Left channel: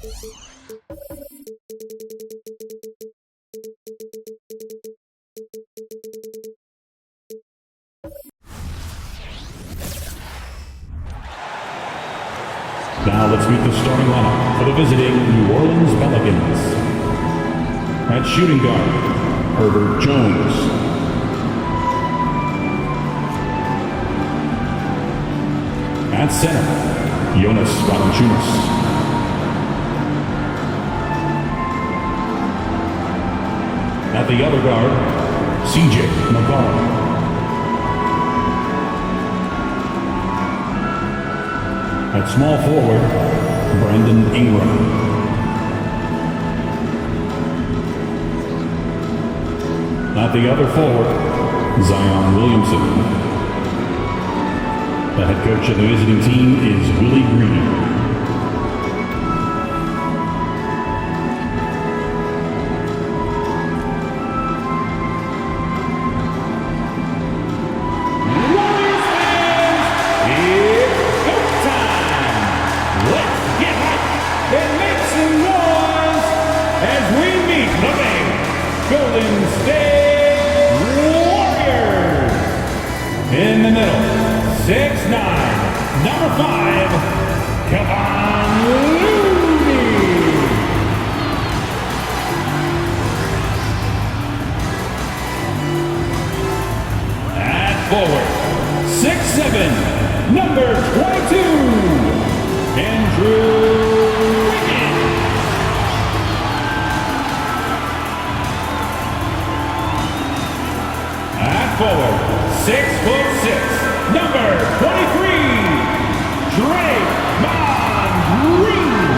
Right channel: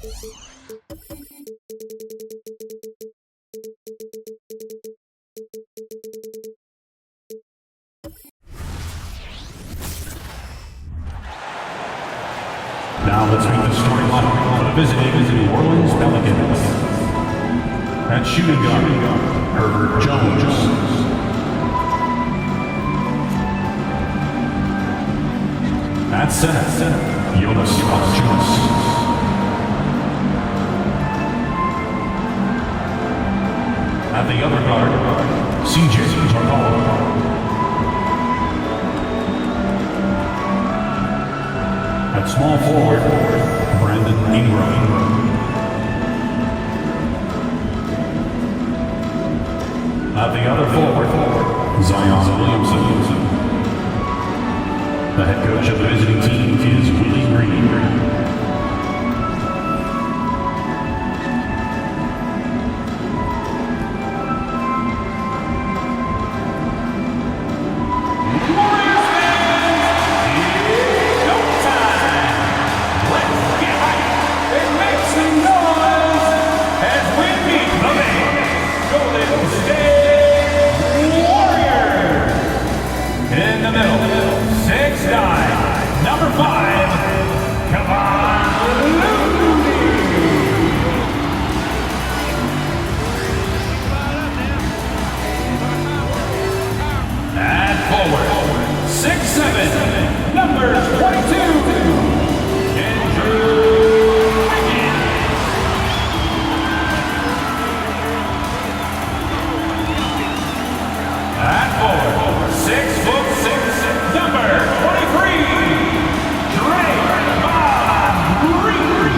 Now let's meet the starting lineup for the visiting New Orleans Pelicans. At shooting guard, Herbert Jones. At center, Jonas Valanciunas. At the other guard, CJ McCollum. At small forward, Brandon Ingram. At the other forward, Zion Williamson. The head coach of the visiting team is Willie Green. Pelicans Vs Warriors. In the middle, 6'9", number 5, Kevon Looney. At forward, 6'7", number 22, Andrew. Forward, 6'6", number 23, Draymond Green.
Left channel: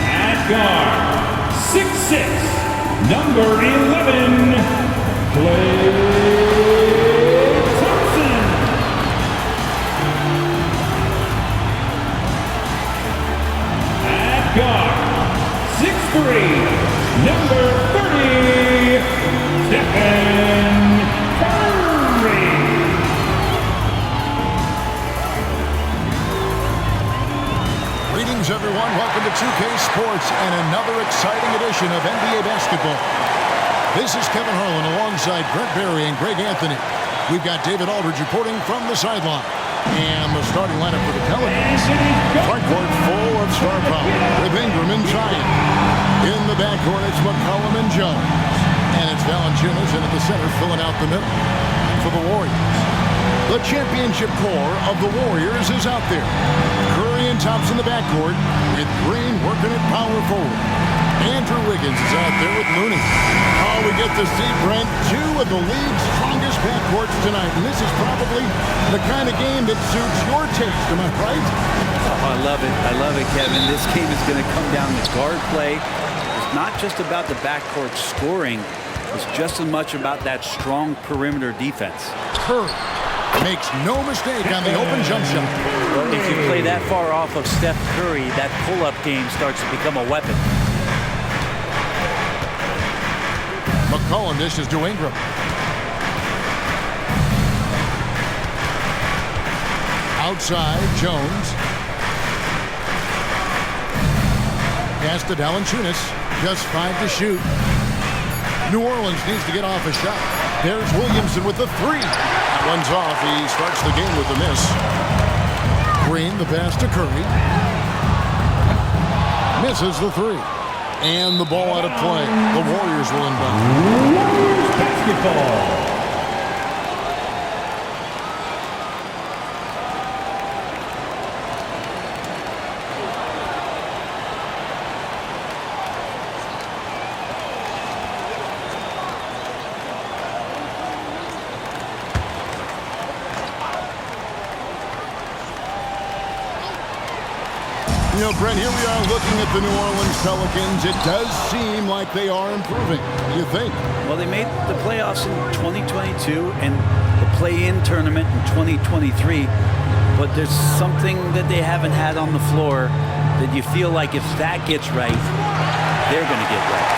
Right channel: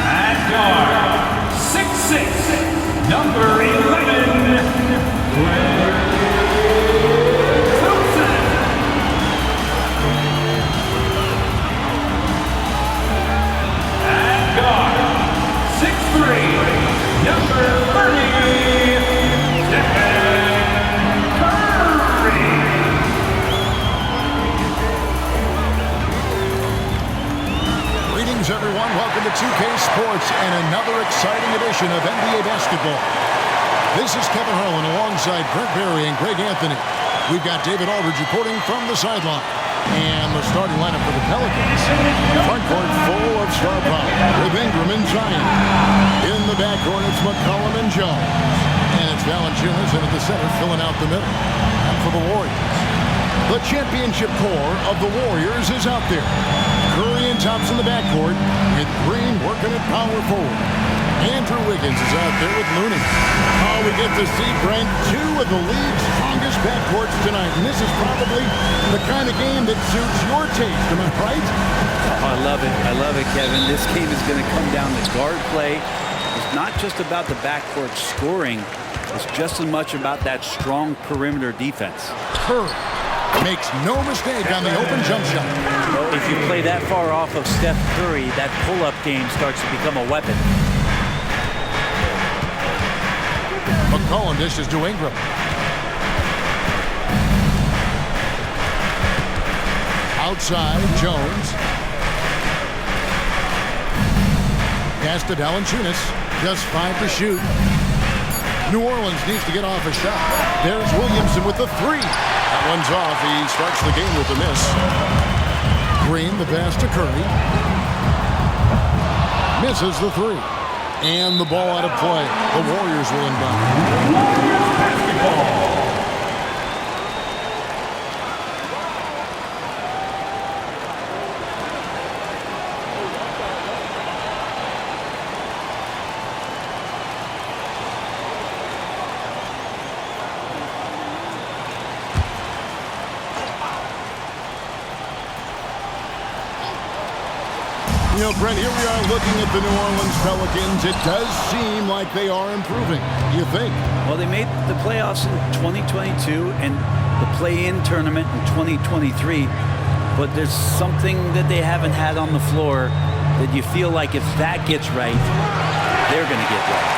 At guard, 6'6", number 11, Klay Thompson. At guard, 6'3", number 30, Stephen Curry. Greetings, everyone. Welcome to 2K Sports and another exciting edition of NBA basketball. This is Kevin Harlan alongside Brent Berry and Greg Anthony. We've got David Aldridge reporting from the sideline. And the starting lineup for the Pelicans. The front court full of star power with Ingram and Zion. In the backcourt, it's McCollum and Jones. And it's Valanciunas in at the center, filling out the middle. And for the Warriors, the championship core of the Warriors is out there. Curry and Thompson in the backcourt, with Green working at power forward. Andrew Wiggins is out there with Looney. Oh, we get to see, Brent, two of the league's strongest backcourts tonight. And this is probably the kind of game that suits your taste. Am I right? Oh, I love it. I love it, Kevin. This game is going to come down to guard play. It's not just about the backcourt scoring. It's just as much about that strong perimeter defense. Curry makes no mistake on the open jump shot. Well, if you play that far off of Steph Curry, that pull-up game starts to become a weapon. McCollum dishes to Ingram. Outside, Jones. Pass to Valanciunas. Just 5 to shoot. New Orleans needs to get off a shot. There's Williamson with the 3. That one's off. He starts the game with a miss. Green, the pass to Curry. Misses the 3. And the ball out of play. The Warriors will inbound. Warriors basketball. You know, Brent, here we are looking at the New Orleans Pelicans. It does seem like they are improving. You think? Well, they made the playoffs in 2022 and the play-in tournament in 2023. But there's something that they haven't had on the floor that you feel like if that gets right, they're going to get right.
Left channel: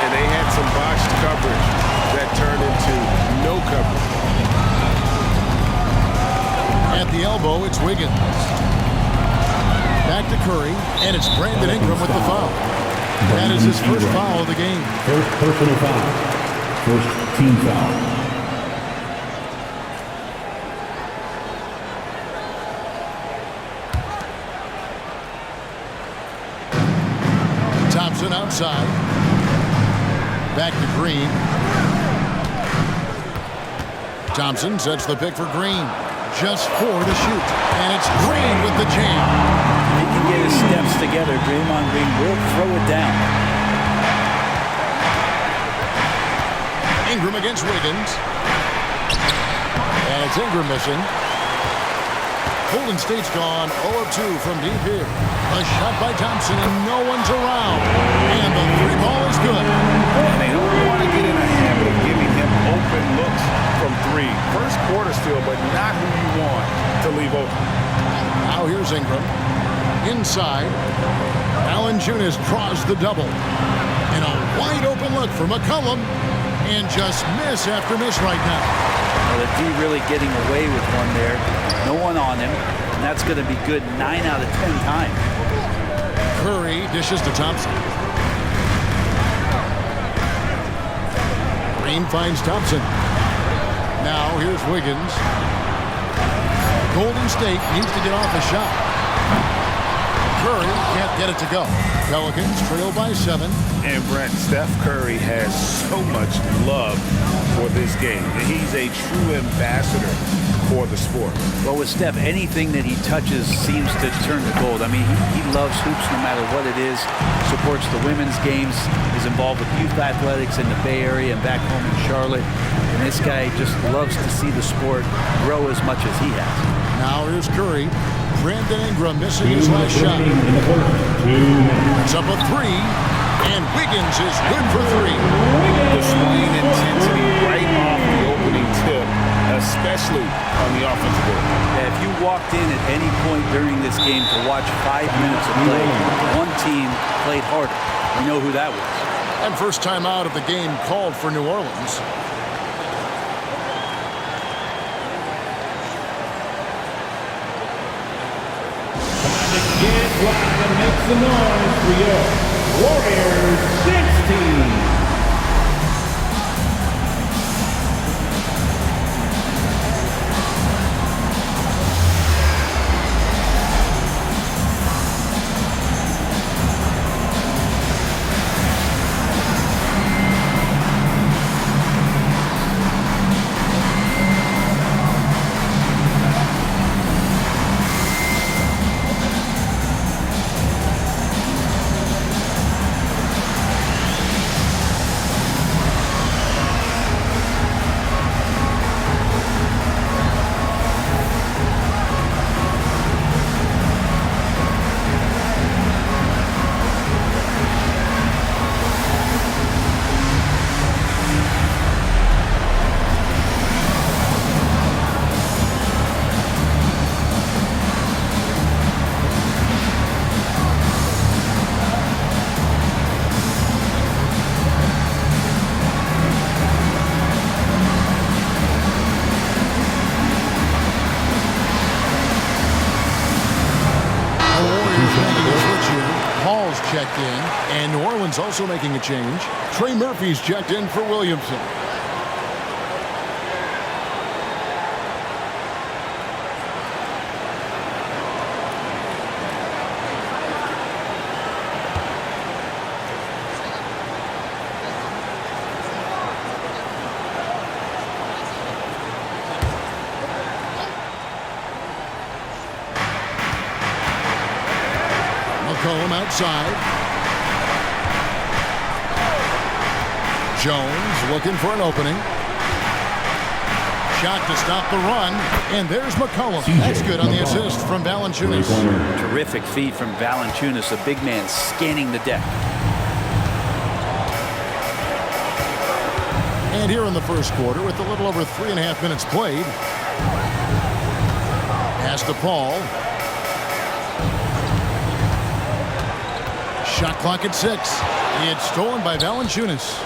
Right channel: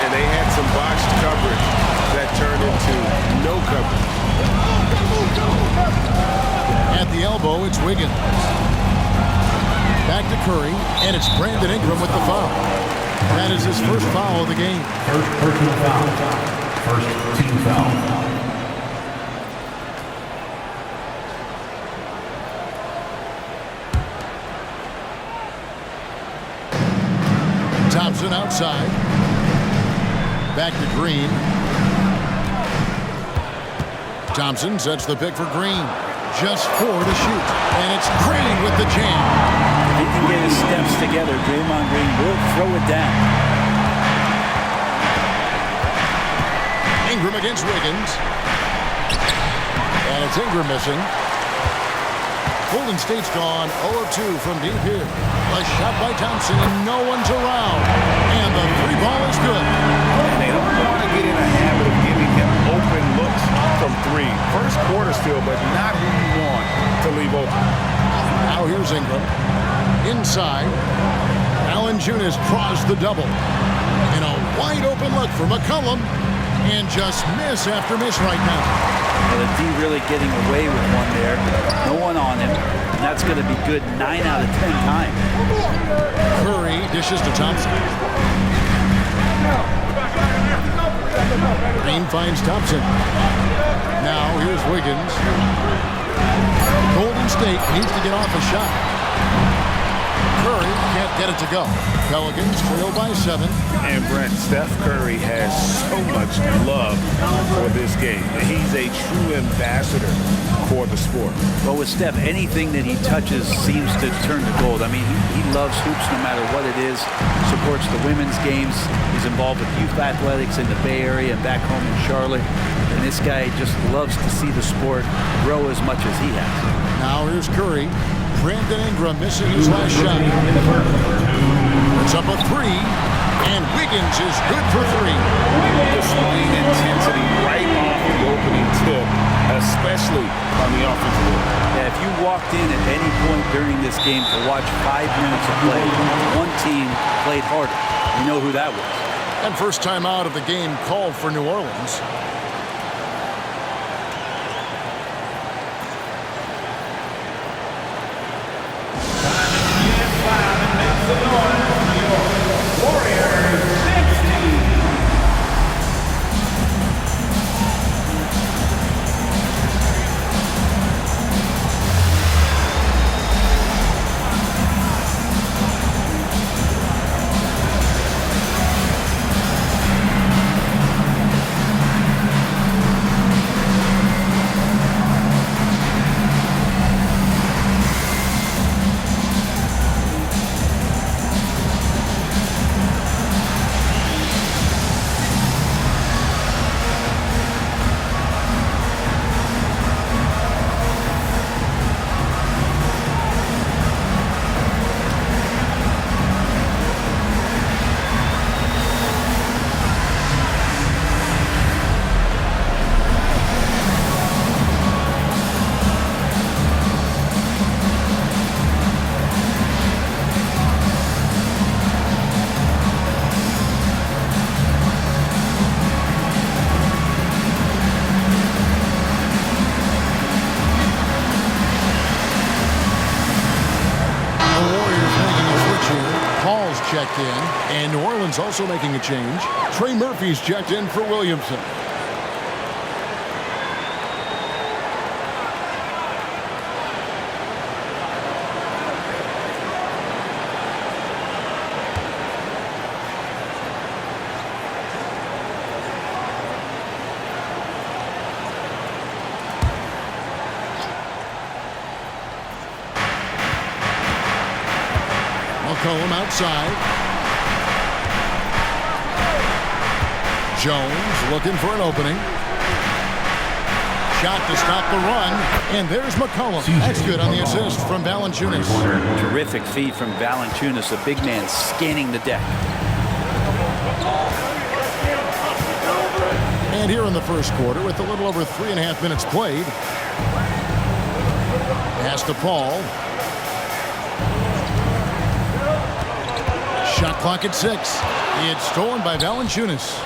And they had some botched coverage that turned into no coverage. At at the elbow, it's Wiggins. Back to Curry, and it's Brandon Ingram with the foul. That is his first foul of the game. First personal foul. First team foul. Thompson outside. Back to Green. Thompson sets the pick for Green. Just 4 to shoot. And it's Green with the jam. If he can get his steps together, Draymond Green will throw it down. Ingram against Wiggins. And it's Ingram missing. Golden State's gone 0 of 2 from deep here. A shot by Thompson, and no one's around. And the 3-ball is good. And they don't want to get in a habit of giving him open looks from 3. First quarter still, but not who you want to leave open. Now here's Ingram. Inside. Valanciunas draws the double. And a wide open look for McCollum. And just miss after miss right now. Well, the D really getting away with one there. No one on him. And that's going to be good 9 out of 10 times. Curry dishes to Thompson. Green finds Thompson. Now here's Wiggins. Golden State needs to get off a shot. Curry can't get it to go. Pelicans trail by 7. And Brent, Steph Curry has so much love for this game. He's a true ambassador for the sport. Well, with Steph, anything that he touches seems to turn to gold. I mean, he loves hoops no matter what it is. Supports the women's games. He's involved with youth athletics in the Bay Area and back home in Charlotte. And this guy just loves to see the sport grow as much as he has. Now here's Curry. Brandon Ingram missing his last shot. It's up a 3, and Wiggins is good for 3. Displaying intensity right off the opening tip, especially on the offensive end. Yeah, if you walked in at any point during this game to watch 5 minutes of play, one team played harder. We know who that was. And first time out of the game called for New Orleans. Get loud and make some noise for your Warriors 16. Paul's checked in, and New Orleans also making a change. Trey Murphy's checked in for Williamson. McCollum outside. Jones looking for an opening. Shot to stop the run, and there's McCollum. That's good on the assist from Valanciunas. Terrific feed from Valanciunas, a big man scanning the deck. And here in the first quarter, with a little over 3.5 minutes played, pass to Paul. Shot clock at 6. It's stolen by Valanciunas.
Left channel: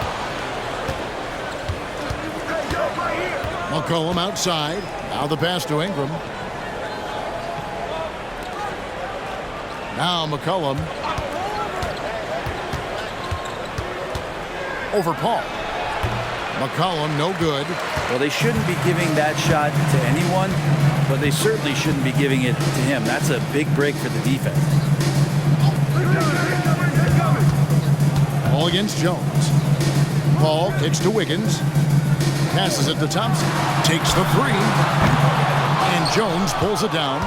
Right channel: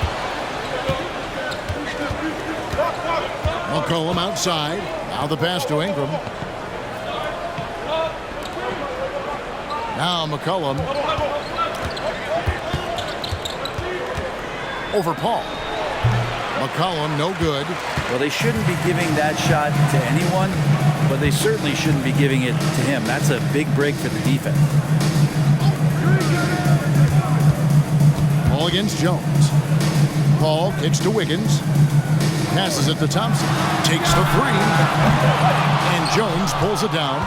McCollum outside. Now the pass to Ingram. Now McCollum. Over Paul. McCollum, no good. Well, they shouldn't be giving that shot to anyone, but they certainly shouldn't be giving it to him. That's a big break for the defense. Ball against Jones. Paul kicks to Wiggins. Passes it to Thompson. Takes the three. And Jones pulls it down.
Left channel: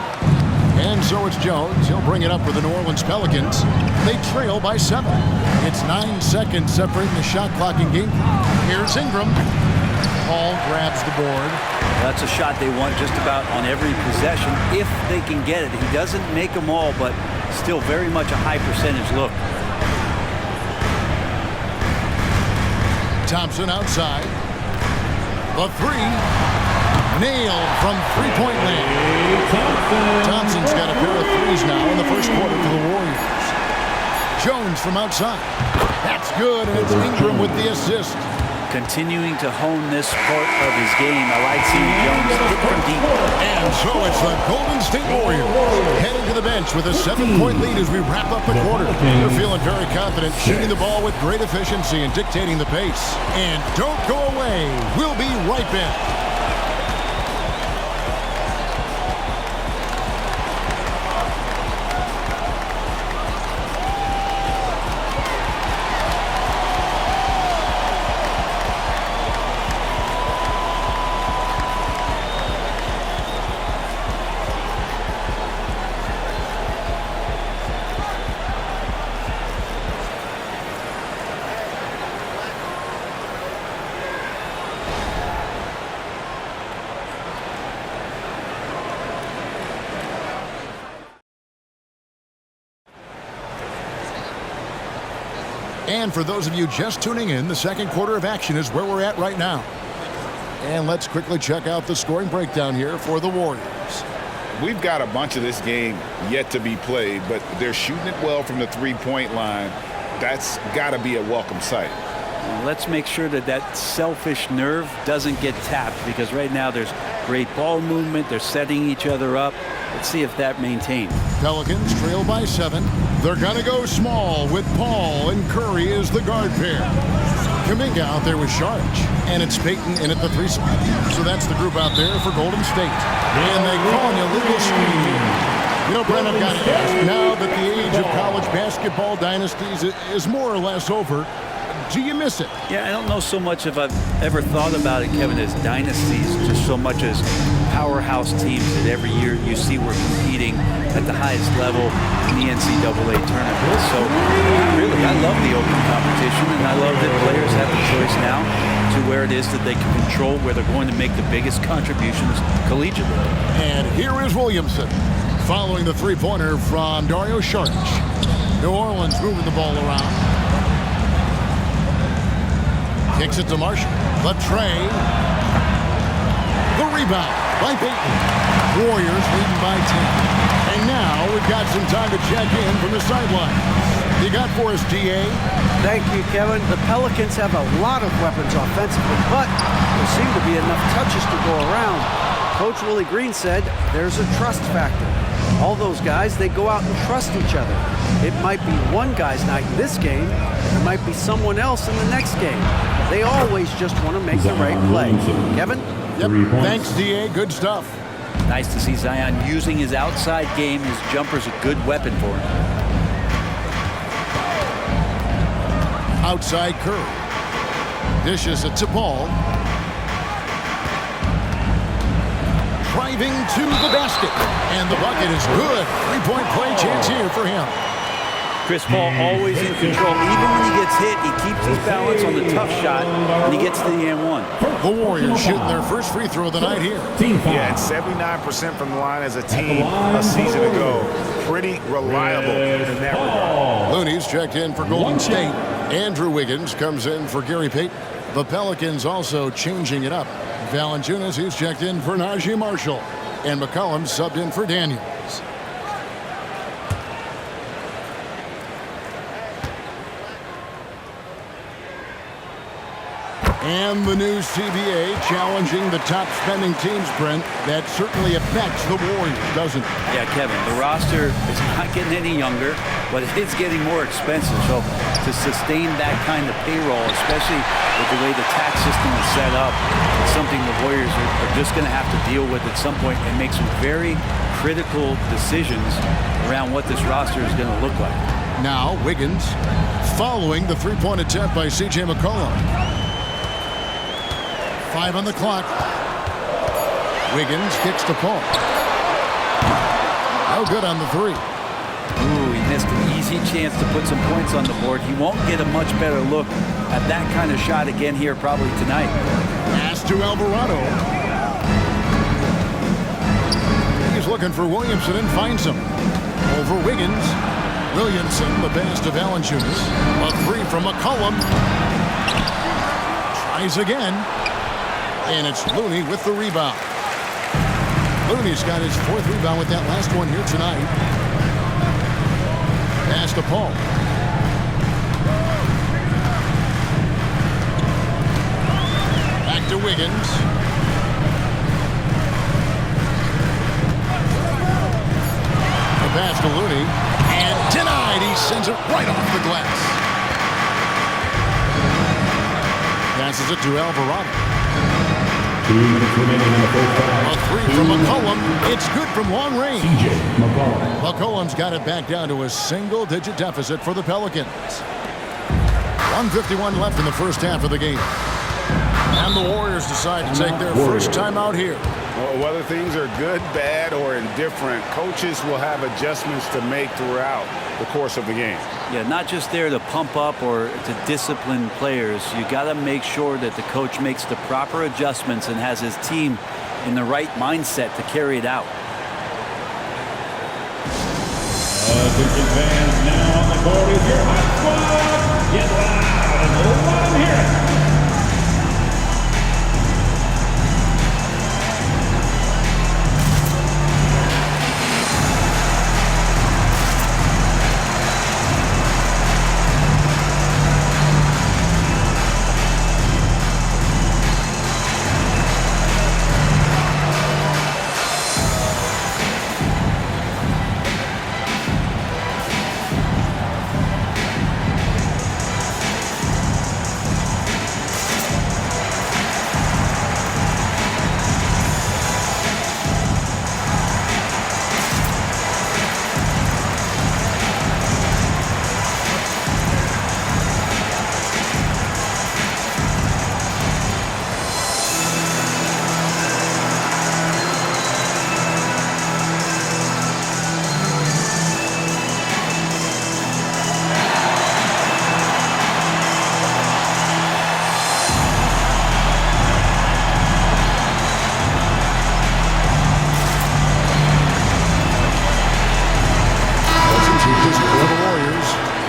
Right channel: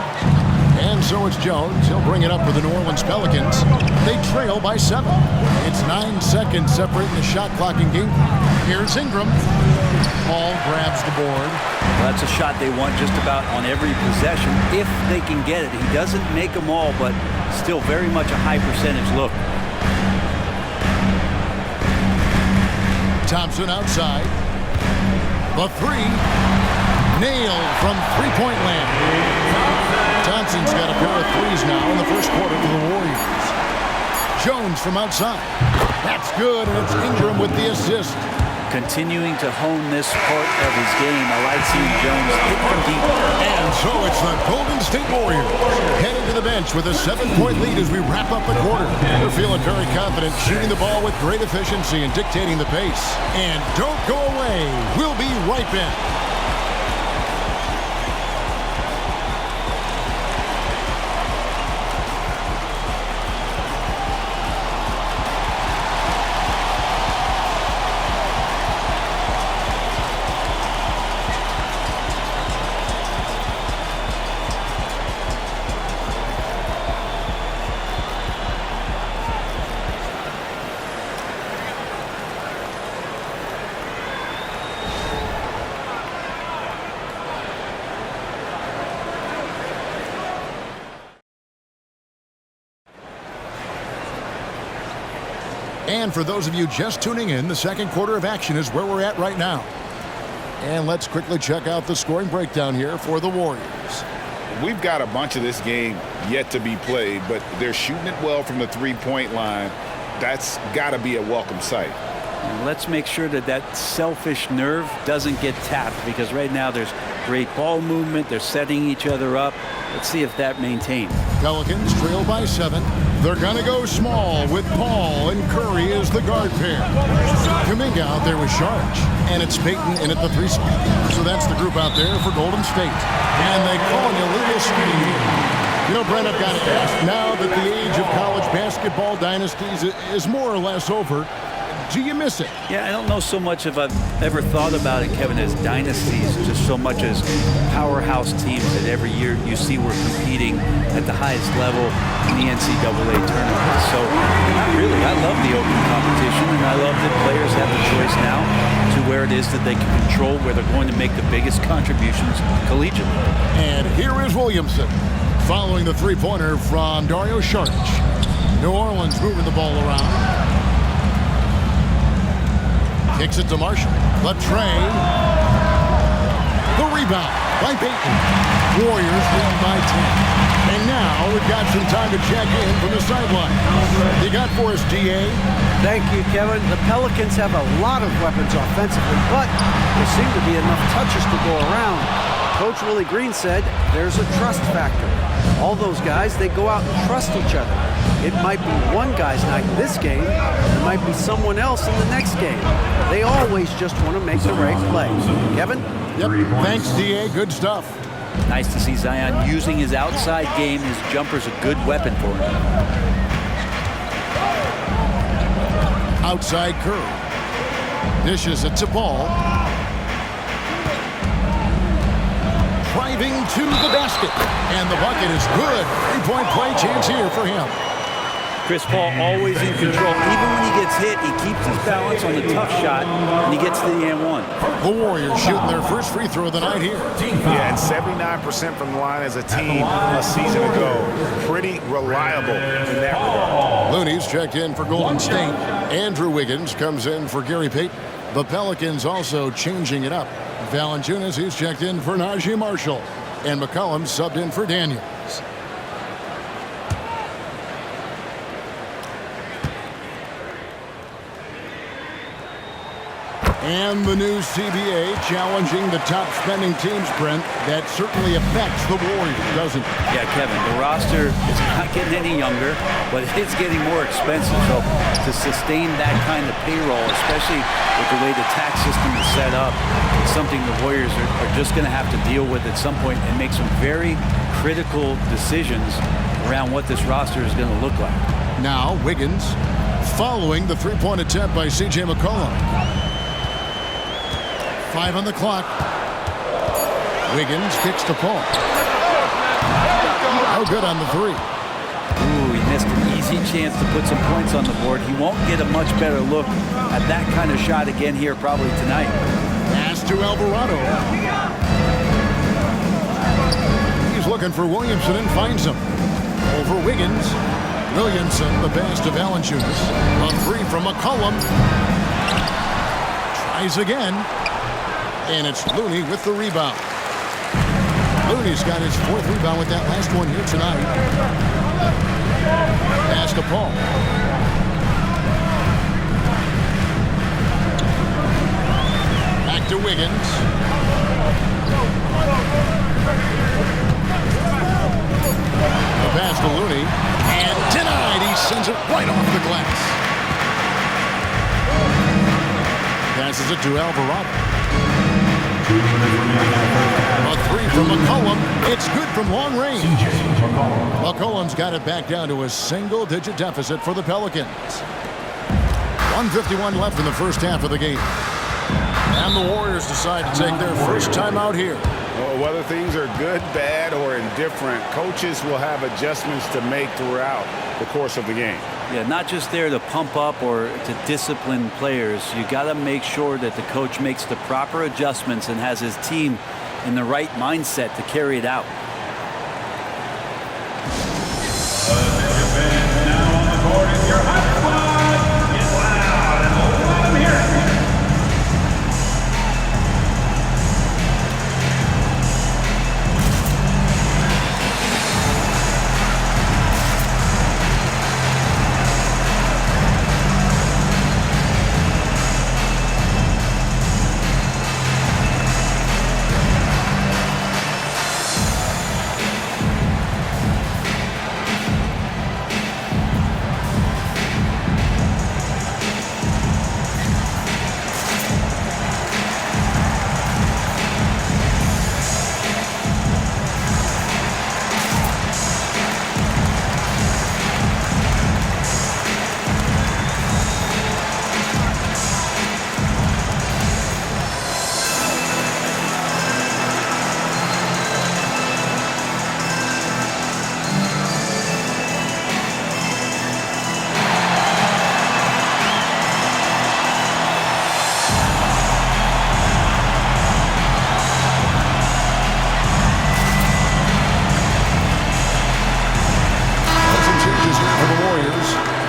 And so it's Jones. He'll bring it up for the New Orleans Pelicans. They trail by 7. It's 9 seconds separating the shot clock and game clock. Here's Ingram. Paul grabs the board. Well, that's a shot they want just about on every possession if they can get it. He doesn't make them all, but still very much a high percentage look. Thompson outside. The three. Nailed from three-point land. Thompson's got a pair of threes now in the first quarter for the Warriors. Jones from outside. That's good, and it's Ingram with the assist. Continuing to hone this part of his game. I like seeing Jones hit from deep. And so it's the Golden State Warriors heading to the bench with a 7-point lead as we wrap up the quarter. They're feeling very confident, shooting the ball with great efficiency and dictating the pace. And don't go away. We'll be right back. And for those of you just tuning in, the second quarter of action is where we're at right now. And let's quickly check out the scoring breakdown here for the Warriors. We've got a bunch of this game yet to be played, but they're shooting it well from the three-point line. That's got to be a welcome sight. Let's make sure that that selfish nerve doesn't get tapped, because right now there's great ball movement. They're setting each other up. Let's see if that maintains. Pelicans trail by 7. They're going to go small with Paul and Curry as the guard pair. Kuminga out there with Sharch. And it's Payton in at the 3 spot. So that's the group out there for Golden State. And they call an illegal screen here. You know, Brent, I've got to ask, now that the age of college basketball dynasties is more or less over, do you miss it? Yeah, I don't know so much if I've ever thought about it, Kevin, as dynasties, just so much as powerhouse teams that every year you see we're competing at the highest level in the NCAA tournament. So, not really. I love the open competition, and I love that players have the choice now to where it is that they can control where they're going to make the biggest contributions collegiately. And here is Williamson following the three-pointer from Dario Saric. New Orleans moving the ball around. Kicks it to Marshall. The tray. The rebound by Payton. Warriors leading by 10. And now we've got some time to check in from the sideline. You got for us, DA? Thank you, Kevin. The Pelicans have a lot of weapons offensively, but there seem to be enough touches to go around. Coach Willie Green said there's a trust factor. All those guys, they go out and trust each other. It might be one guy's night in this game, and it might be someone else in the next game. They always just want to make the right play. Kevin? Yep. Thanks, DA. Good stuff. Nice to see Zion using his outside game. His jumper's a good weapon for him. Outside Curry. Dishes it to Paul. Driving to the basket. And the bucket is good. Three-point play chance here for him. Chris Paul always in control. Even when he gets hit, he keeps his balance on the tough shot, and he gets to the and one. The Warriors shooting their first free throw of the night here. Yeah, and 79% from the line as a team a season ago. Pretty reliable in that regard. Looney's checked in for Golden State. Andrew Wiggins comes in for Gary Payton. The Pelicans also changing it up. Valanciunas, he's checked in for Najee Marshall. And McCollum subbed in for Daniels. And the new CBA challenging the top spending teams, Brent. That certainly affects the Warriors, doesn't it? Yeah, Kevin, the roster is not getting any younger, but it's getting more expensive. So to sustain that kind of payroll, especially with the way the tax system is set up, it's something the Warriors are just going to have to deal with at some point and make some very critical decisions around what this roster is going to look like. Now, Wiggins following the three-point attempt by C.J. McCollum. 5 on the clock. Wiggins kicks to Paul. No good on the three. Ooh, he missed an easy chance to put some points on the board. He won't get a much better look at that kind of shot again here probably tonight. Pass to Alvarado. He's looking for Williamson and finds him. Over Wiggins. Williamson, the pass to Valanciunas. A three from McCollum. Tries again. And it's Looney with the rebound. Looney's got his 4th rebound with that last one here tonight. Pass to Paul. Back to Wiggins. A pass to Looney. And denied. He sends it right off the glass. Passes it to Alvarado. 2 minutes remaining in the first half. A three from McCollum. It's good from long range. C.J. McCollum. McCollum's got it back down to a single-digit deficit for the Pelicans. 1:51 left in the first half of the game. And the Warriors decide to take their first time out here. Well, whether things are good, bad, or indifferent, coaches will have adjustments to make throughout the course of the game. Yeah, not just there to pump up or to discipline players. You got to make sure that the coach makes the proper adjustments and has his team in the right mindset to carry it out. Attention fans, now on the court is your hot squad. Get loud and let them hear it.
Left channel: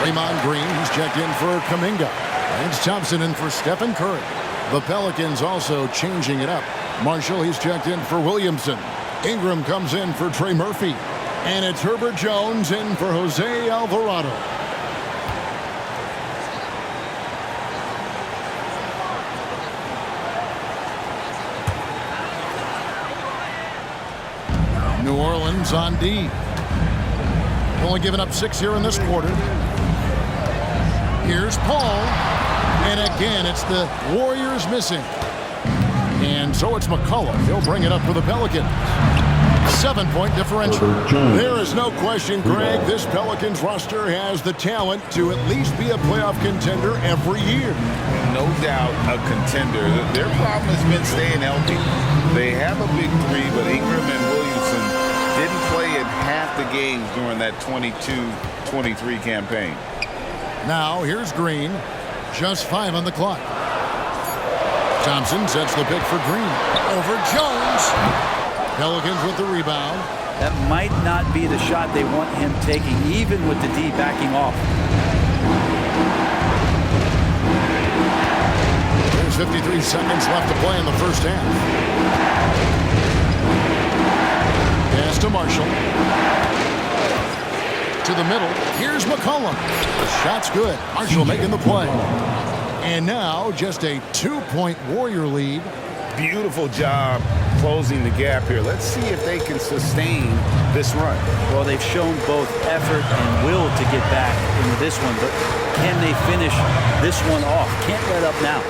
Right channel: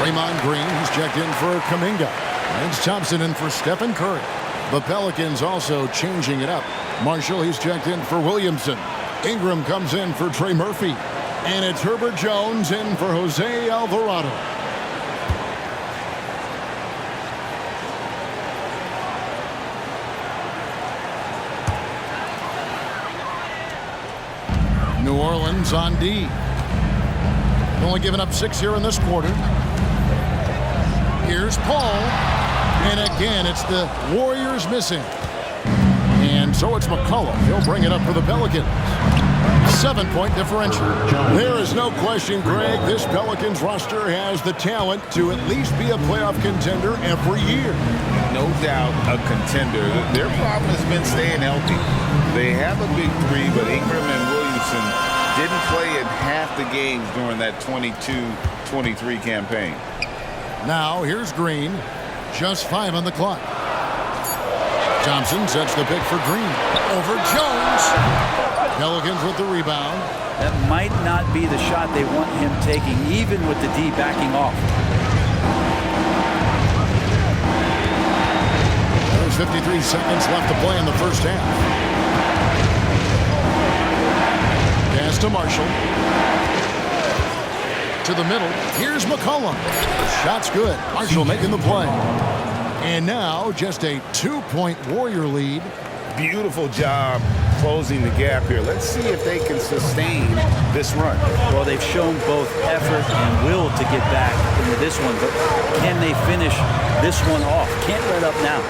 Draymond Green, he's checked in for Kuminga. Lance Thompson in for Stephen Curry. The Pelicans also changing it up. Marshall, he's checked in for Williamson. Ingram comes in for Trey Murphy. And it's Herbert Jones in for Jose Alvarado. New Orleans on D. Only giving up 6 here in this quarter. Here's Paul. And again, it's the Warriors missing. And so it's McCullough. He'll bring it up for the Pelicans. 7-point differential. There is no question, Greg, this Pelicans roster has the talent to at least be a playoff contender every year. No doubt a contender. Their problem has been staying healthy. They have a big three, but Ingram and Williamson didn't play in half the games during that 22-23 campaign. Now here's Green. Just 5 on the clock. Thompson sets the pick for Green. Over Jones. Pelicans with the rebound. That might not be the shot they want him taking, even with the D backing off. There's 53 seconds left to play in the first half. Pass to Marshall. To the middle. Here's McCollum. The shot's good. Marshall making the play. And now just a 2-point Warrior lead. Beautiful job closing the gap here. Let's see if they can sustain this run. Well, they've shown both effort and will to get back into this one, but can they finish this one off? Can't let up now.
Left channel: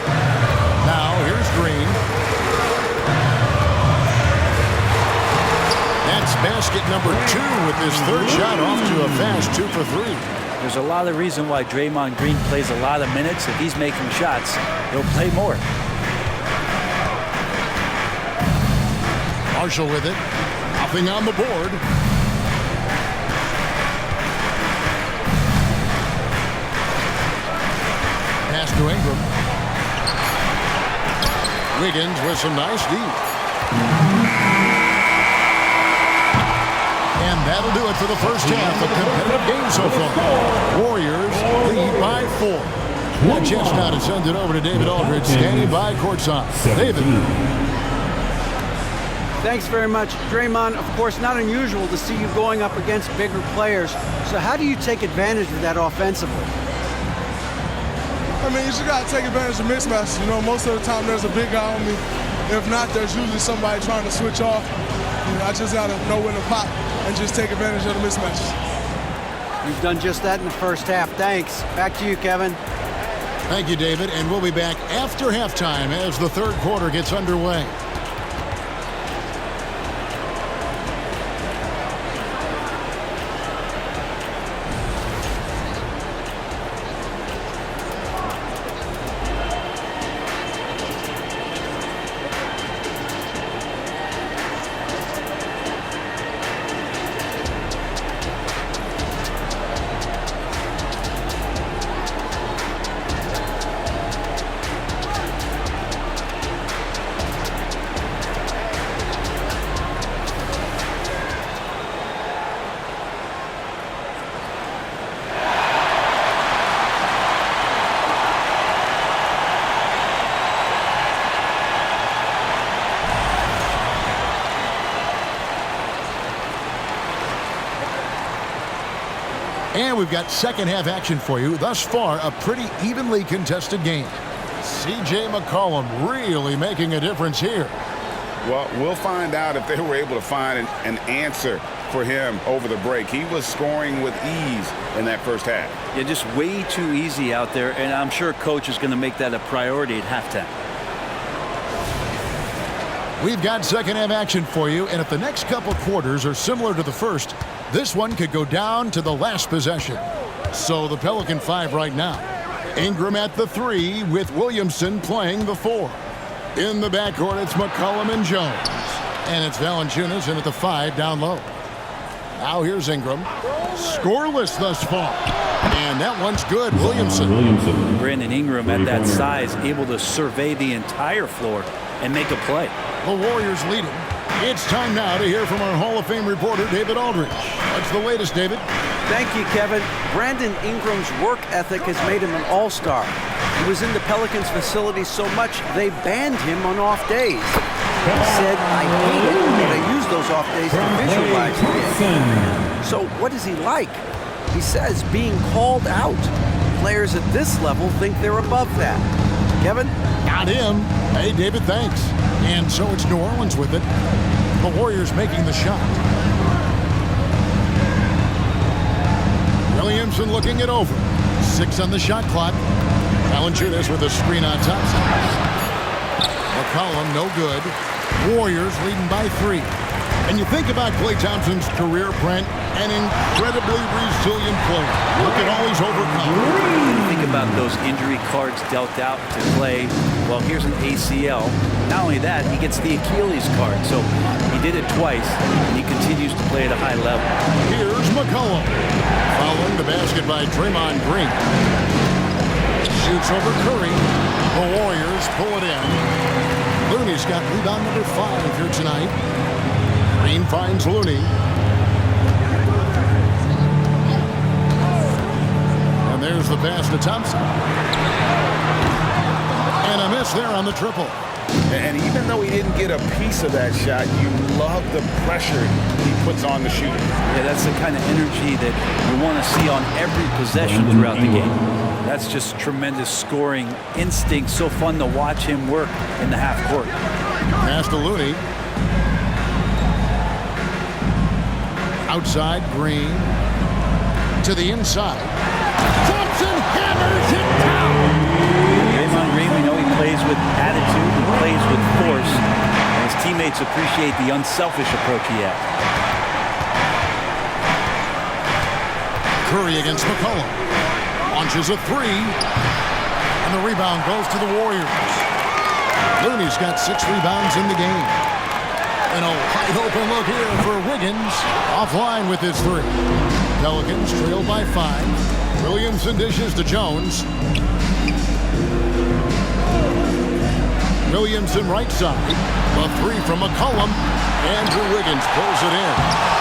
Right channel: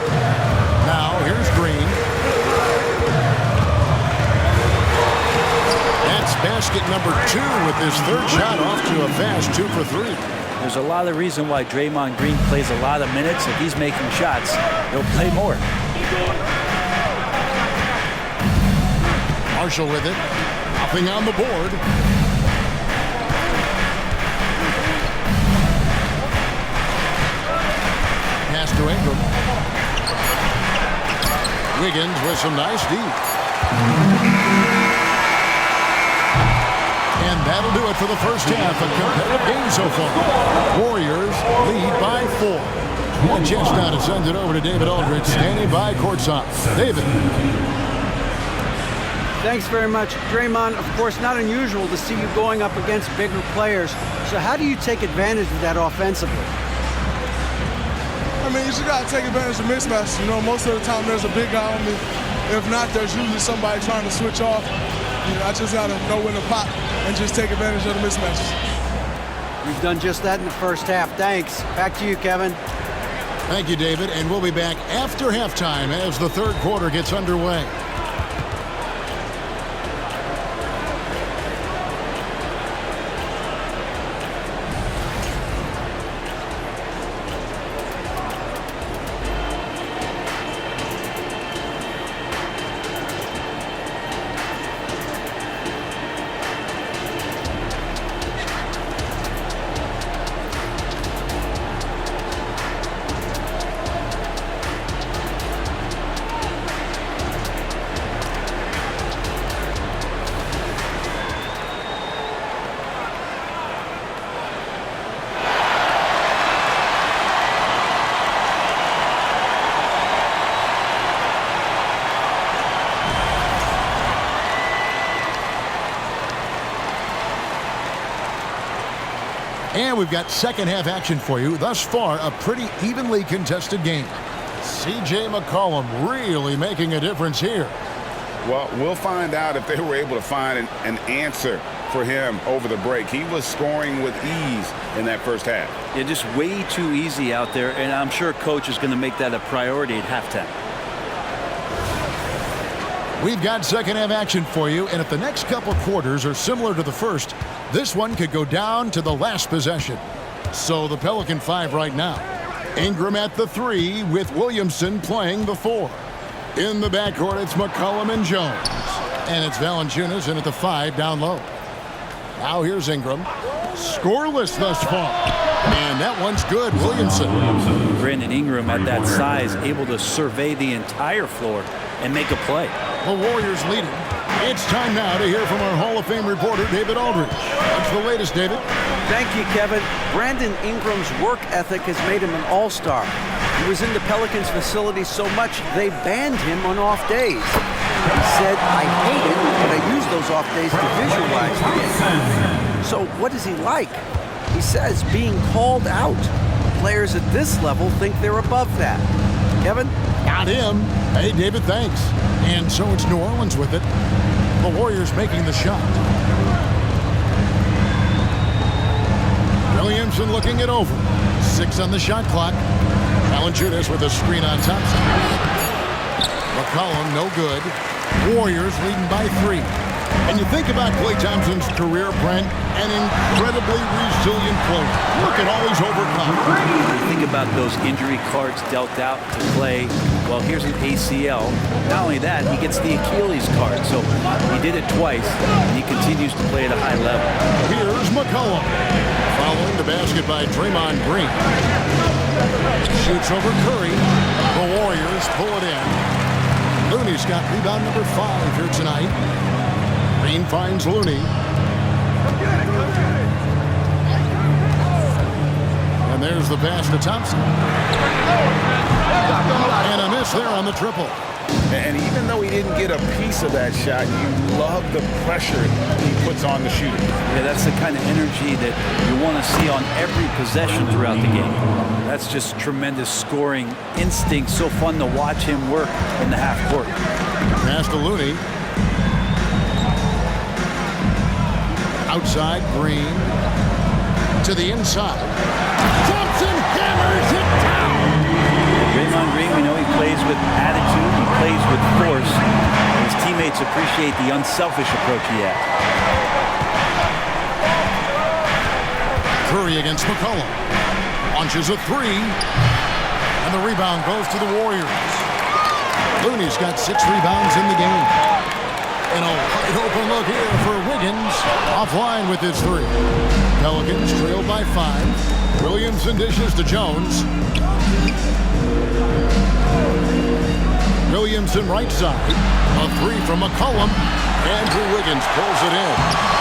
Now here's Green. That's basket number 2 with his third shot off to a fast 2 for 3. There's a lot of reason why Draymond Green plays a lot of minutes. If he's making shots, he'll play more. Marshall with it. Nothing on the board. Pass to Ingram. Wiggins with some nice D. And that'll do it for the first half. A competitive game so far. Warriors lead by 4. And a chance now to send it over to David Aldridge, standing by courtside. David. Thanks very much, Draymond. Of course, not unusual to see you going up against bigger players. So how do you take advantage of that offensively? I mean, you just got to take advantage of mismatches. You know, most of the time there's a big guy on me. If not, there's usually somebody trying to switch off. You know, I just got to know when to pop and just take advantage of the mismatches. You've done just that in the first half. Thanks. Back to you, Kevin. Thank you, David. And we'll be back after halftime as the third quarter gets underway. And we've got second half action for you. Thus far, a pretty evenly contested game. C.J. McCollum really making a difference here. Well, we'll find out if they were able to find an answer for him over the break. He was scoring with ease in that first half. Yeah, just way too easy out there, and I'm sure Coach is going to make that a priority at halftime. We've got second half action for you, and if the next couple quarters are similar to the first, this one could go down to the last possession. So the Pelican 5 right now. Ingram at the 3 with Williamson playing the 4. In the backcourt, it's McCollum and Jones. And it's Valanciunas in at the 5 down low. Now here's Ingram. Scoreless thus far. And that one's good. Williamson. Brandon Ingram at that size, able to survey the entire floor and make a play. The Warriors leading. It's time now to hear from our Hall of Fame reporter, David Aldridge. What's the latest, David? Thank you, Kevin. Brandon Ingram's work ethic has made him an all-star. He was in the Pelicans facility so much they banned him on off days. He said, "I hate it, but I use those off days to visualize the game." So what is he like? He says being called out. Players at this level think they're above that. Kevin? Not him. Hey, David, thanks. And so it's New Orleans with it. The Warriors making the shot. Williamson looking it over. 6 on the shot clock. Valanciunas with a screen on top. McCollum, no good. Warriors leading by 3. And you think about Klay Thompson's career, Brent, an incredibly resilient player. Look at all he's overcome. When you think about those injury cards dealt out to Klay, well, here's an ACL. Not only that, he gets the Achilles card. So he did it twice, and he continues to play at a high level. Here's McCollum. Following the basket by Draymond Green. Shoots over Curry. The Warriors pull it in. Looney's got rebound number 5 here tonight. Green finds Looney. And there's the pass to Thompson. And a miss there on the triple. And even though he didn't get a piece of that shot, you love the pressure he puts on the shooter. Yeah, that's the kind of energy that you want to see on every possession throughout the game. That's just tremendous scoring instinct. So fun to watch him work in the half court. Pass to Looney. Outside, Green. To the inside. Thompson hammers it down. Draymond Green, we know he plays with attitude, he plays with force, and his teammates appreciate the unselfish approach he has. Curry against McCollum. Launches a three. And the rebound goes to the Warriors. Looney's got 6 rebounds in the game. And a wide open look here for Wiggins. Offline with his 3. Pelicans trail by 5. Williamson dishes to Jones. Williamson right side. A 3 from McCollum. Andrew Wiggins pulls it in.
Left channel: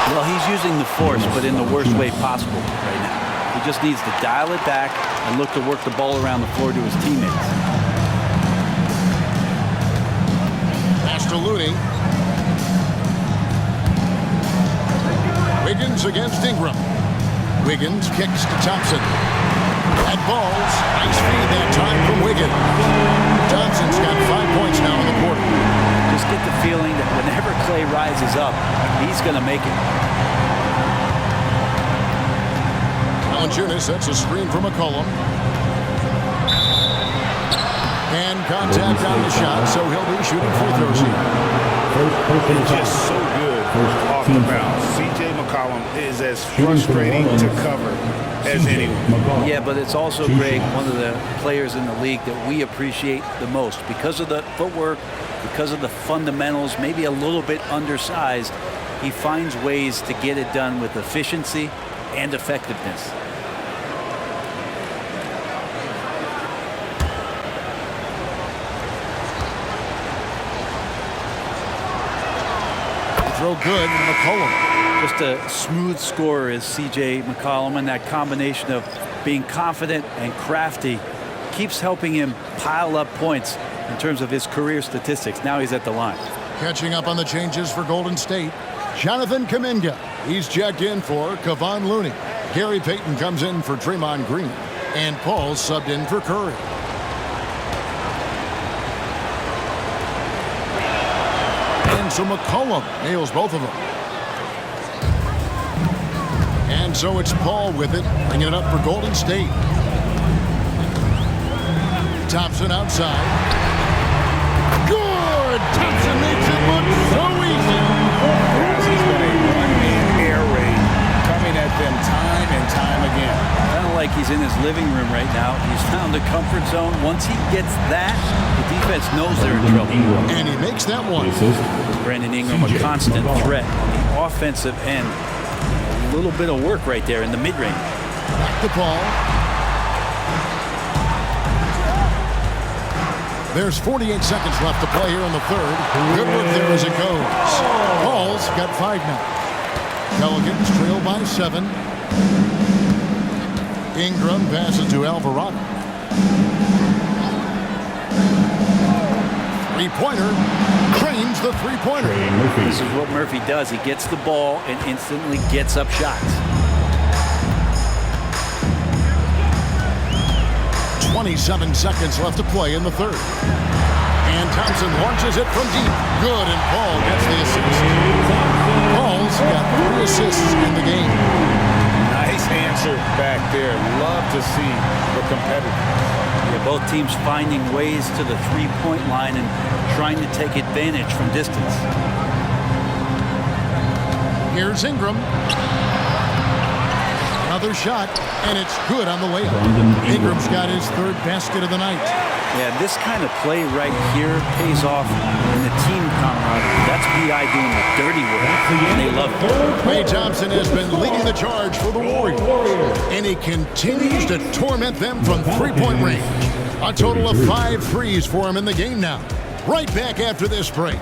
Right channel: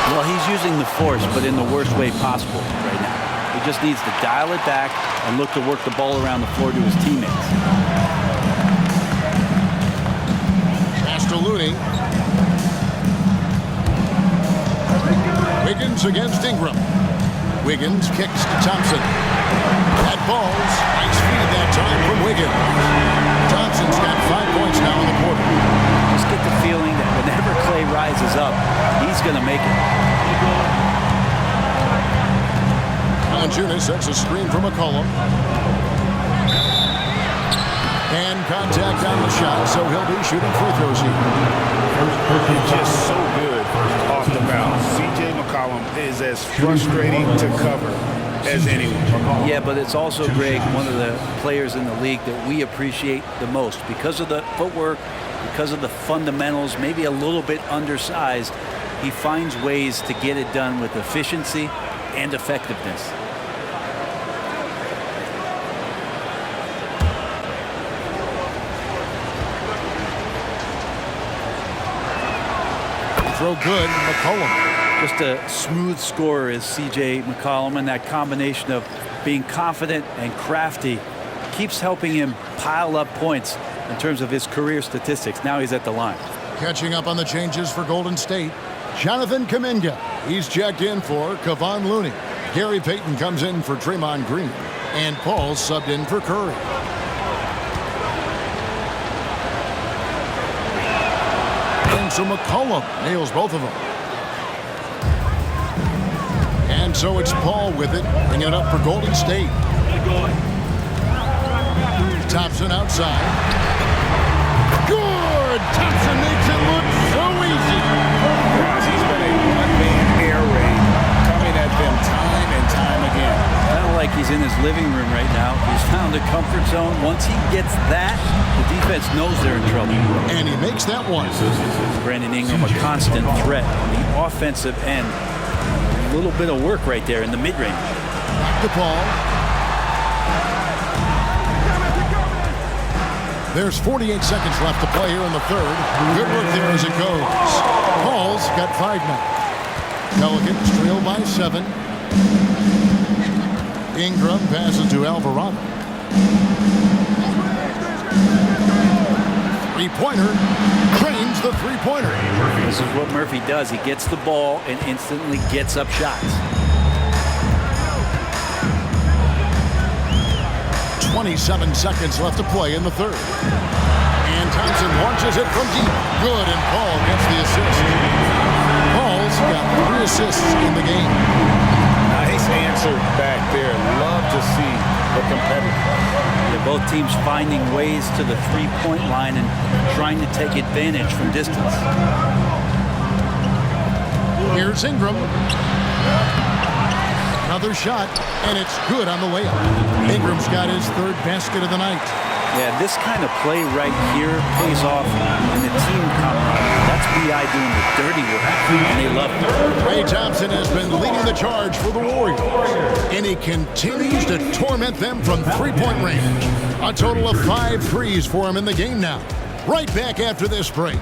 Well, he's using the force, but in the worst way possible right now. He just needs to dial it back and look to work the ball around the floor to his teammates. Pass to Looney. Wiggins against Ingram. Wiggins kicks to Thompson. That ball's nice feed that time from Wiggins. Thompson's got 5 points now in the quarter. Just get the feeling that whenever Clay rises up, he's going to make it. Valanciunas sets a screen for McCollum. And contact on the shot, so he'll be shooting free throws here. It's just so good off the bounce. C.J. McCollum is as frustrating to cover as anyone. Yeah, but it's also, Greg, one of the players in the league that we appreciate the most because of the footwork, because of the fundamentals, maybe a little bit undersized. He finds ways to get it done with efficiency and effectiveness. Throw good, McCollum. Just a smooth scorer is C.J. McCollum, and that combination of being confident and crafty keeps helping him pile up points in terms of his career statistics. Now he's at the line. Catching up on the changes for Golden State, Jonathan Kuminga. He's checked in for Kevon Looney. Gary Payton comes in for Draymond Green. And Paul's subbed in for Curry. And so McCollum nails both of them. And so it's Paul with it, bringing it up for Golden State. Thompson outside. Good! Thompson makes it look so easy. Guys, he's been a one-man air raid coming at them time and time again. Kind of like he's in his living room right now. He's found a comfort zone. Once he gets that, the defense knows they're in trouble. And he makes that one. Brandon Ingram, a constant threat on the offensive end. A little bit of work right there in the mid-range. Back to Paul. There's 48 seconds left to play here in the third. Good work there as it goes. Paul's got 5 now. Pelicans trail by 7. Ingram passes to Alvarado. Three-pointer. Trains the three-pointer. This is what Murphy does. He gets the ball and instantly gets up shots. 27 seconds left to play in the third. And Thompson launches it from deep. Good, and Paul gets the assist. Paul's got 3 assists in the game. Nice answer back there. Love to see the competitiveness. Yeah, both teams finding ways to the three-point line and trying to take advantage from distance. Here's Ingram. Another shot, and it's good on the layup. Ingram's got his 3rd basket of the night. Yeah, this kind of play right here pays off in the team camaraderie. That's B.I. doing the dirty work, and they love it. Klay Thompson has been leading the charge for the Warriors, and he continues to torment them from three-point range. A total of 5 threes for him in the game now. Right back after this break.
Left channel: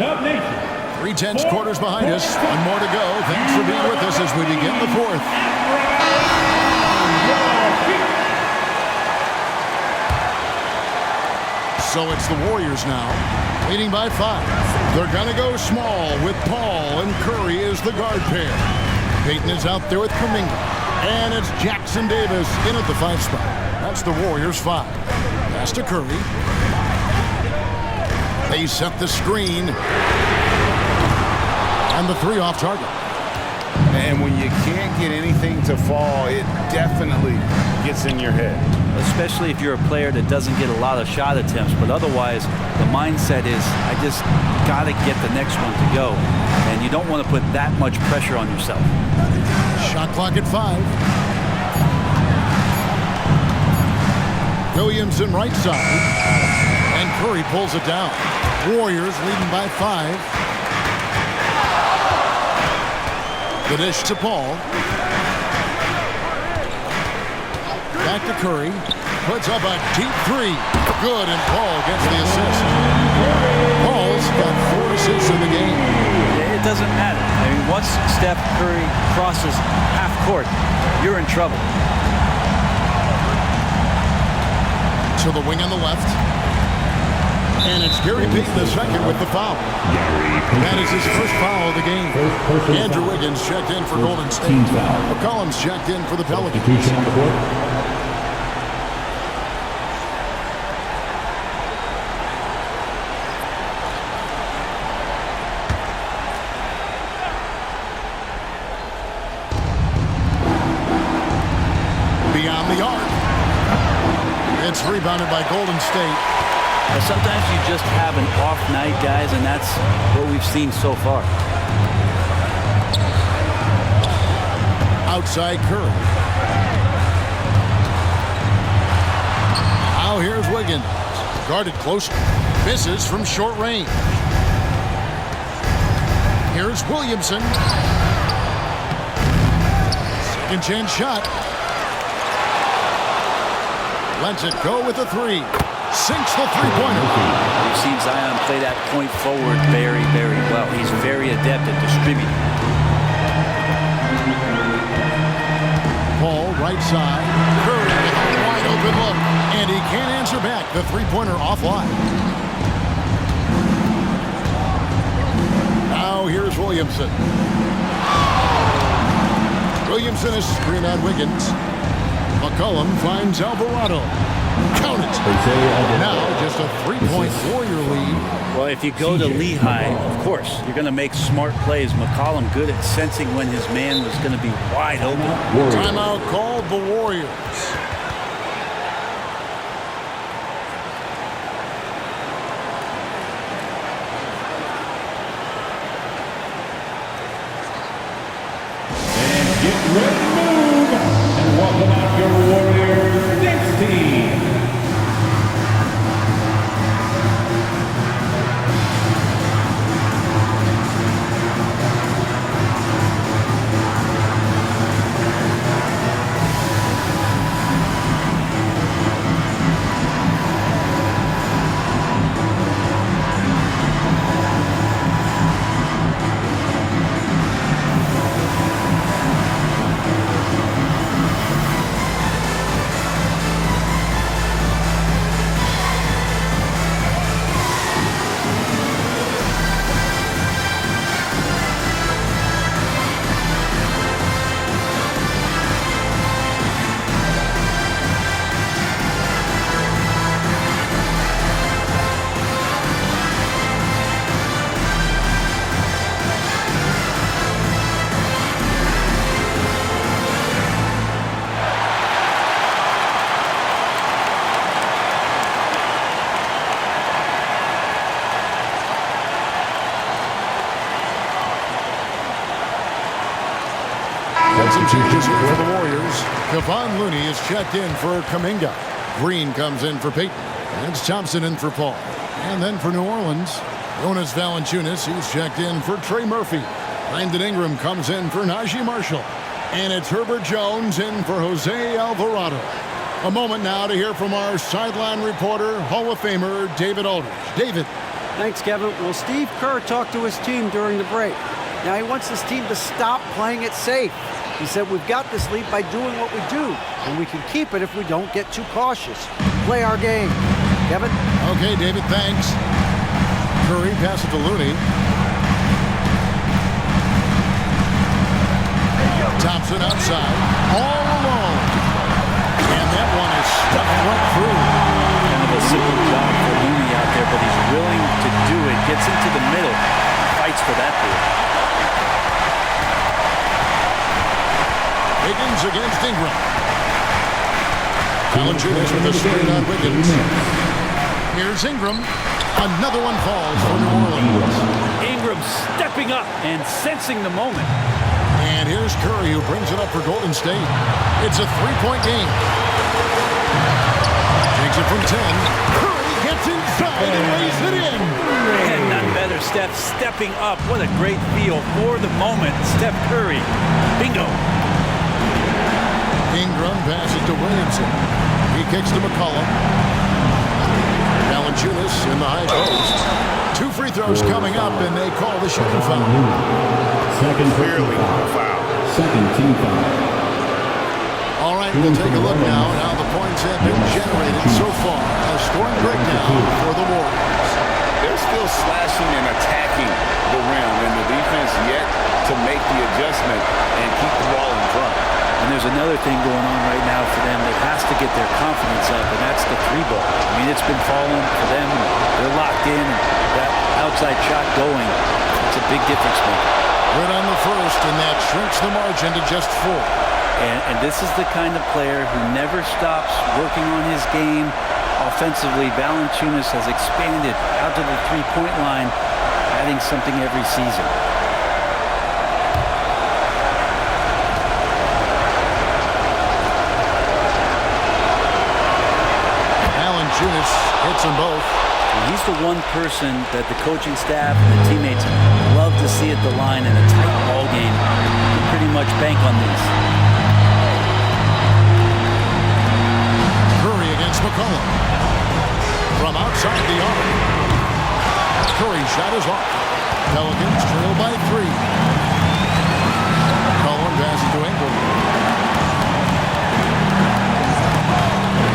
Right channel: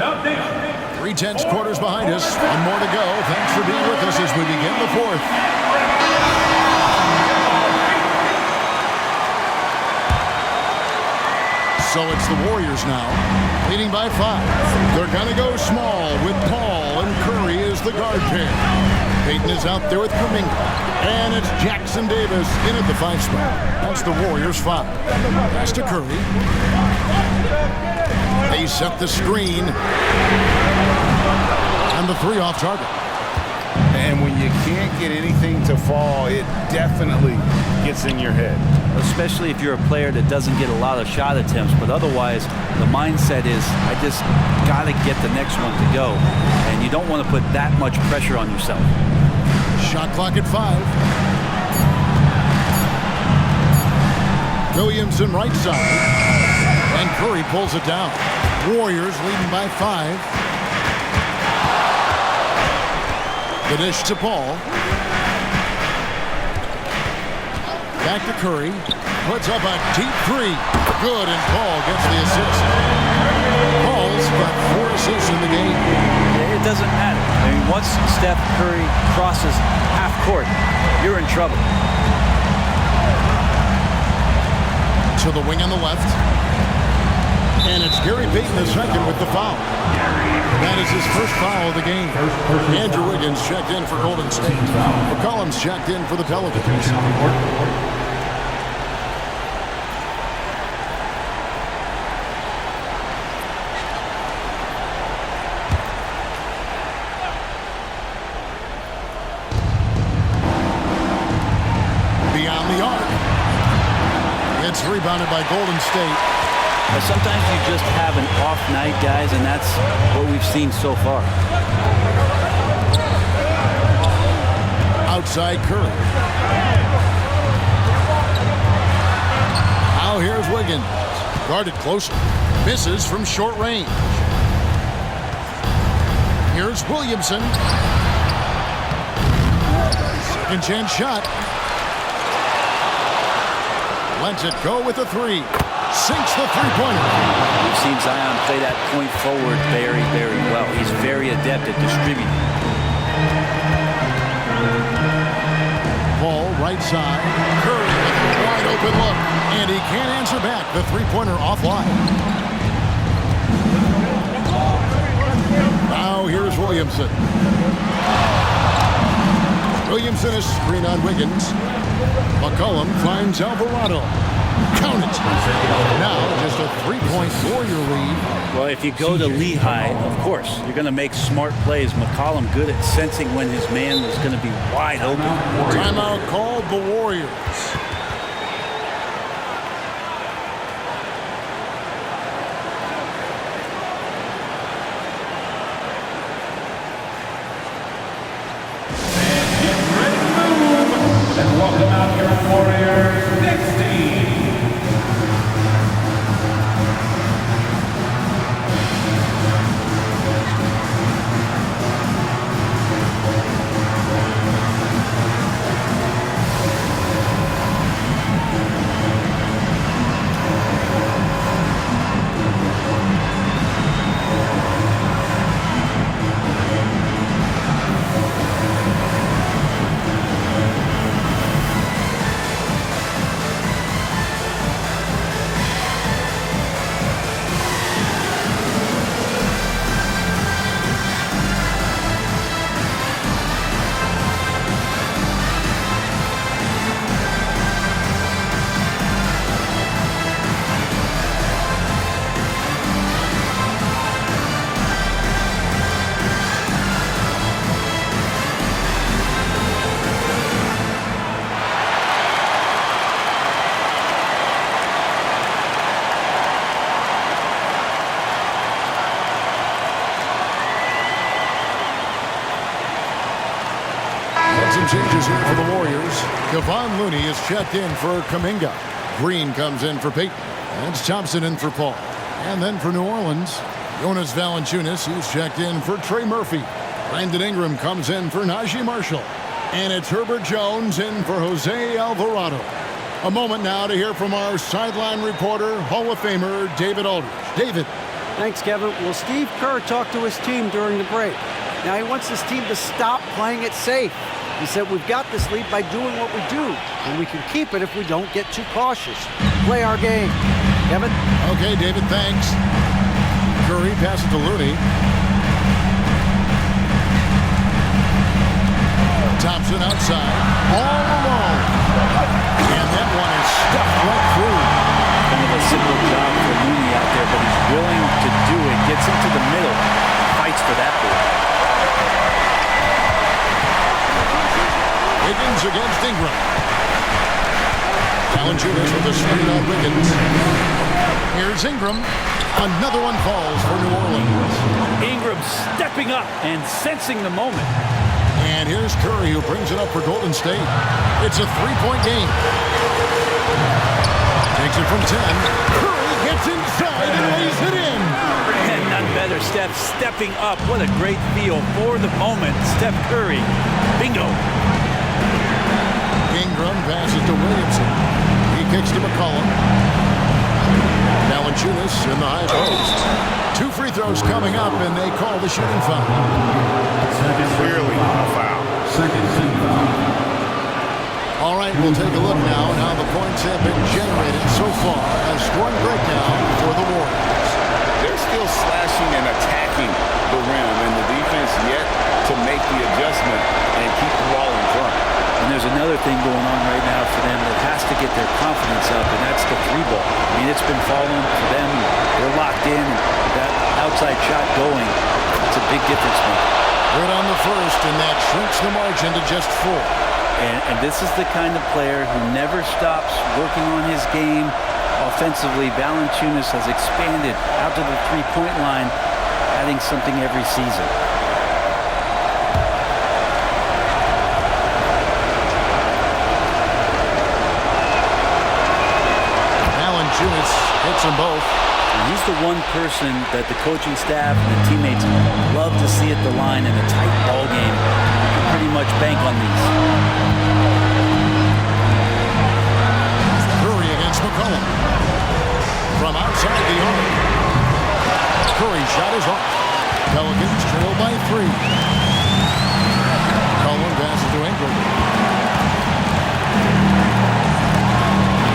Dub Nation. 3 tenths quarters behind us. 1 more to go. Thanks for being with us as we begin the 4th. So it's the Warriors now, leading by 5. They're going to go small with Paul and Curry as the guard pair. Payton is out there with Kuminga. And it's Jackson Davis in at the 5 spot. That's the Warriors 5. Pass to Curry. They set the screen. And the 3 off target. And when you can't get anything to fall, it definitely gets in your head. Especially if you're a player that doesn't get a lot of shot attempts, but otherwise the mindset is I just got to get the next one to go, and you don't want to put that much pressure on yourself. Shot clock at 5. Williamson right side, and Curry pulls it down. Warriors leading by 5. The dish to Paul. Back to Curry. Puts up a deep 3. Good, and Paul gets the assist. Paul's got 4 assists in the game. It doesn't matter. I mean, once Steph Curry crosses half court, you're in trouble. To the wing on the left. And it's Gary Payton II with the foul. That is his first foul of the game. Andrew Wiggins checked in for Golden State. McCollum's checked in for the Pelicans. Beyond the arc. It's rebounded by Golden State. Sometimes you just have an off night, guys, and that's what we've seen so far. Outside Curry. Now here's Wiggins. Guarded closely. Misses from short range. Here's Williamson. Second chance shot. Lets it go with a 3. Sinks the 3-pointer. We've seen Zion play that point forward very, very well. He's very adept at distributing. Paul right side. Curry with a wide open look. And he can't answer back. The 3-pointer offline. Now here's Williamson. Williamson is screen on Wiggins. McCollum finds Alvarado. Count it. Now just a 3-point Warrior lead. Well, if you go to Lehigh, of course, you're going to make smart plays. McCollum good at sensing when his man was going to be wide open. Timeout called the Warriors. And get ready to move. And welcome out your Warriors next team. Some changes here for the Warriors. Kevon Looney is checked in for Kuminga. Green comes in for Payton. And it's Thompson in for Paul. And then for New Orleans, Jonas Valanciunas, he's checked in for Trey Murphy. Brandon Ingram comes in for Najee Marshall. And it's Herbert Jones in for Jose Alvarado. A moment now to hear from our sideline reporter, Hall of Famer David Aldridge. David. Thanks, Kevin. Well, Steve Kerr talked to his team during the break. Now he wants his team to stop playing it safe. He said, we've got this lead by doing what we do, and we can keep it if we don't get too cautious. Play our game. Kevin? Okay, David, thanks. Curry passes to Looney. Thompson outside, all alone. And that one is stuffed right through. Kind of a simple job for Looney out there, but he's willing to do it. Gets into the middle, fights for that ball. Wiggins against Ingram. Valanciunas with a screen on Wiggins. Here's Ingram. Another one falls for New Orleans. Ingram stepping up and sensing the moment. And here's Curry, who brings it up for Golden State. It's a three-point game. Takes it from 10. Curry gets inside and lays it in. And none better, Steph stepping up. What a great feel for the moment. Steph Curry. Bingo. Ingram passes to Williamson. He kicks to McCollum. Valanciunas in the high post. 2 free throws coming up, and they call the shooting foul. Clearly a foul. Second team foul. All right, we'll take a look now at how the points have been generated so far. A scoring breakdown for the Warriors. They're still slashing and attacking the rim, and the defense yet to make the adjustment and keep the ball in front. And there's another thing going on right now for them that has to get their confidence up, and that's the 3-ball. I mean, it's been falling for them. They're locked in, and that outside shot going, it's a big difference maker. Good on the first, and that shrinks the margin to just 4. And this is the kind of player who never stops working on his game offensively. Valanciunas has expanded out to the 3-point line, adding something every season. Valanciunas hits them both. And he's the one person that the coaching staff and the teammates love to see at the line in a tight ball game. You can pretty much bank on these. Curry against McCollum. From outside the arc. Curry shot is off. Pelicans trail by 3. McCollum passes to Ingram.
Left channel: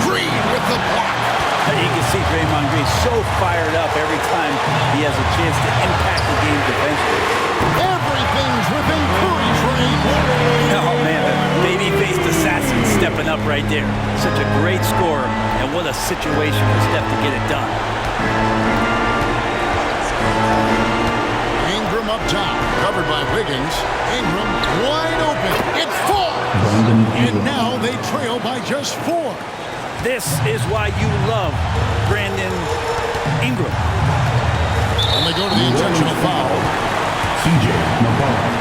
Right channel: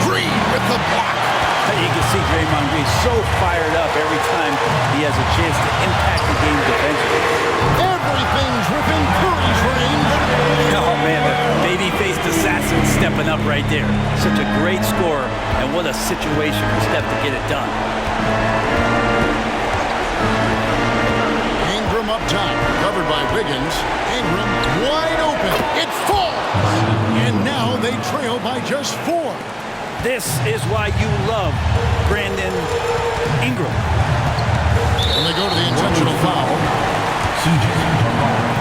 Green with the block. You can see Draymond Green so fired up every time he has a chance to impact the game defensively. Everything's within Curry's range. Oh, man, the baby-faced assassin stepping up right there. Such a great scorer, and what a situation for Steph to get it done. Ingram up top, covered by Wiggins. Ingram wide open. It falls. And now they trail by just 4. This is why you love Brandon Ingram. And they go to the intentional foul. CJ McCollum.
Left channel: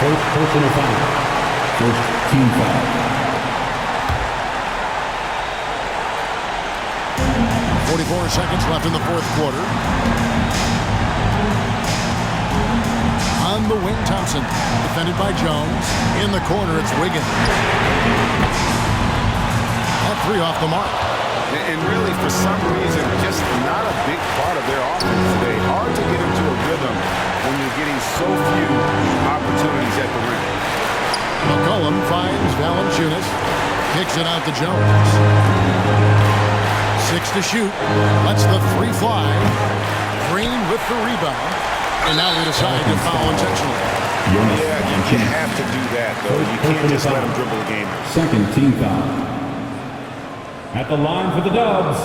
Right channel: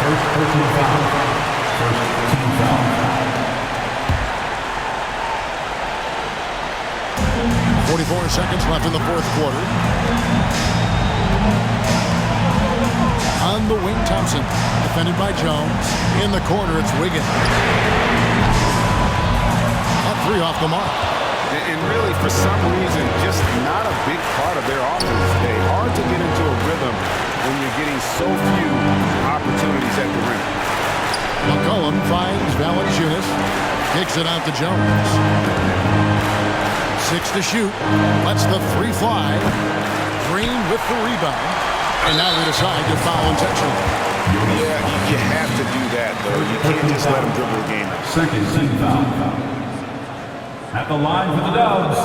First personal foul. First team foul. 44 seconds left in the 4th quarter. On the wing, Thompson. Defended by Jones. In the corner, it's Wiggins. That 3 off the mark. And really, for some reason, just not a big part of their offense today. Hard to get into a rhythm when you're getting so few opportunities at the rim. McCollum finds Valanciunas. Kicks it out to Jones. 6 to shoot. Lets the 3 fly. Green with the rebound. And now they decide to foul intentionally. Yeah, you have to do that, though. You can't just let them dribble the game out. Second team foul. At the line for the Dubs,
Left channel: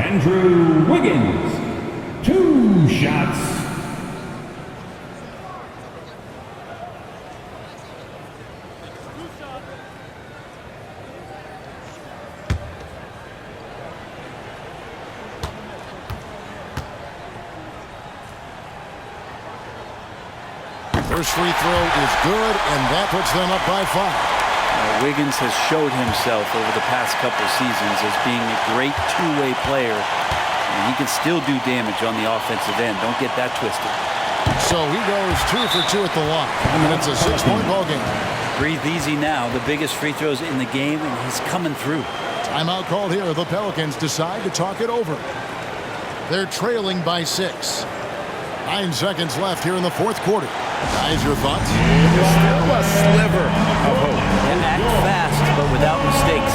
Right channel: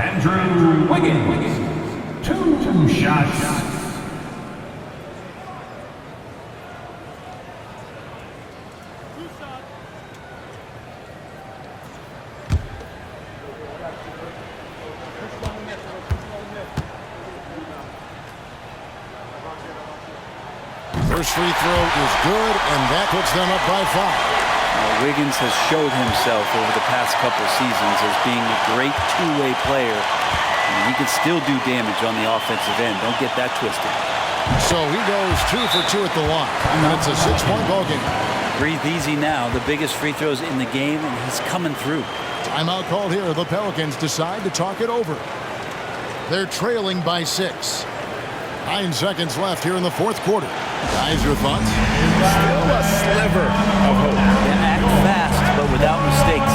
Andrew Wiggins. 2 shots. First free throw is good, and that puts them up by 5. Wiggins has showed himself over the past couple seasons as being a great two-way player. And he can still do damage on the offensive end. Don't get that twisted. So he goes 2 for 2 at the line, and it's a 6-point ball game. Breathe easy now. The biggest free throws in the game, and he's coming through. Timeout called here. The Pelicans decide to talk it over. They're trailing by 6. 9 seconds left here in the fourth quarter. Guys, your thoughts? Still a sliver of hope. Yeah, act fast, but without mistakes.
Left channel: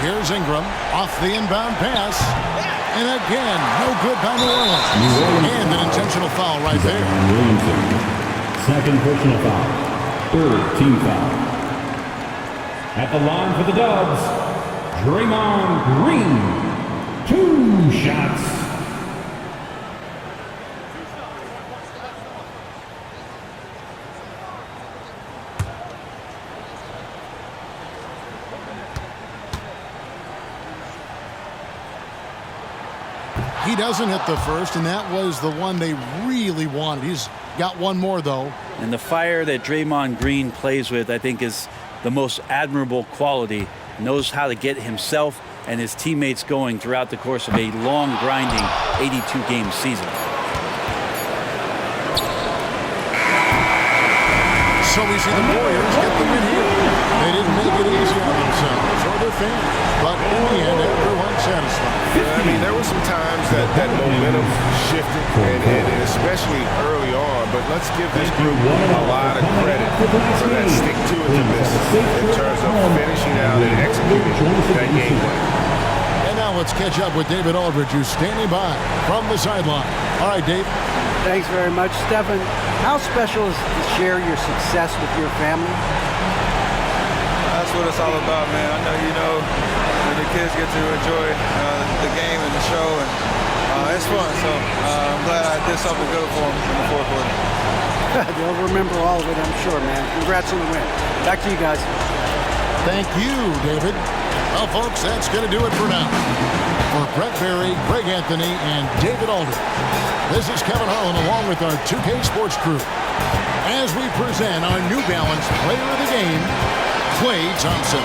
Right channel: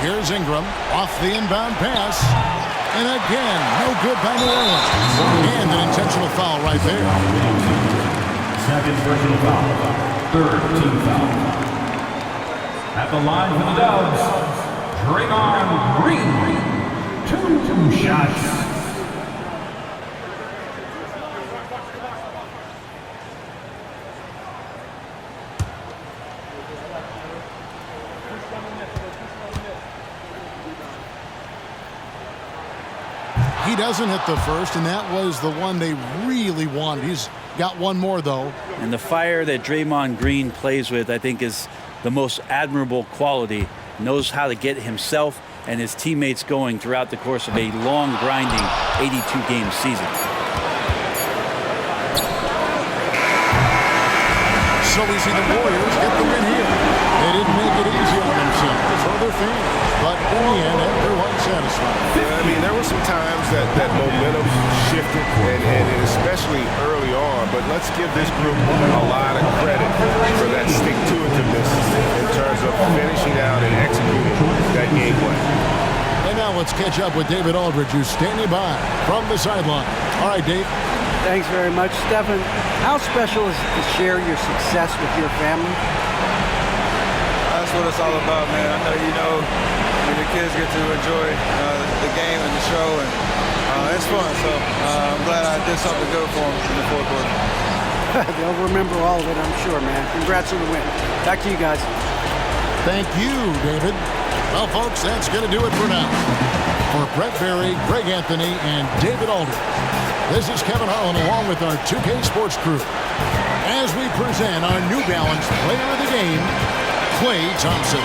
Here's Ingram off the inbound pass. And again, no good by New Orleans. And an intentional foul right there. Williamson. Second personal foul. Third team foul. At the line for the Dubs, Draymond Green. 2 shots. He doesn't hit the first, and that was the one they really wanted. He's got one more, though. And the fire that Draymond Green plays with, I think, is the most admirable quality. Knows how to get himself and his teammates going throughout the course of a long, grinding 82-game season. So we see the Warriors get the win here. They didn't make it easy on themselves or their fans, but in the end, everyone's satisfied. I mean, there were some times that momentum shifted, and especially early on, but let's give this group a lot of credit for that stick-to-itiveness in terms of finishing out and executing that game plan. And now let's catch up with David Aldridge, who's standing by from the sideline. All right, Dave. Thanks very much, Stephen. How special is to share your success with your family? That's what it's all about, man. I know you know when your kids get to enjoy the game and the show, and it's fun. So I'm glad I did something good for them in the fourth quarter. They'll remember all of it, I'm sure, man. Congrats on the win. Back to you guys. Thank you, David. Well, folks, that's going to do it for now. For Brett Berry, Greg Anthony, and David Aldridge, this is Kevin Harlan along with our 2K Sports crew as we present our New Balance Player of the Game, Klay Thompson.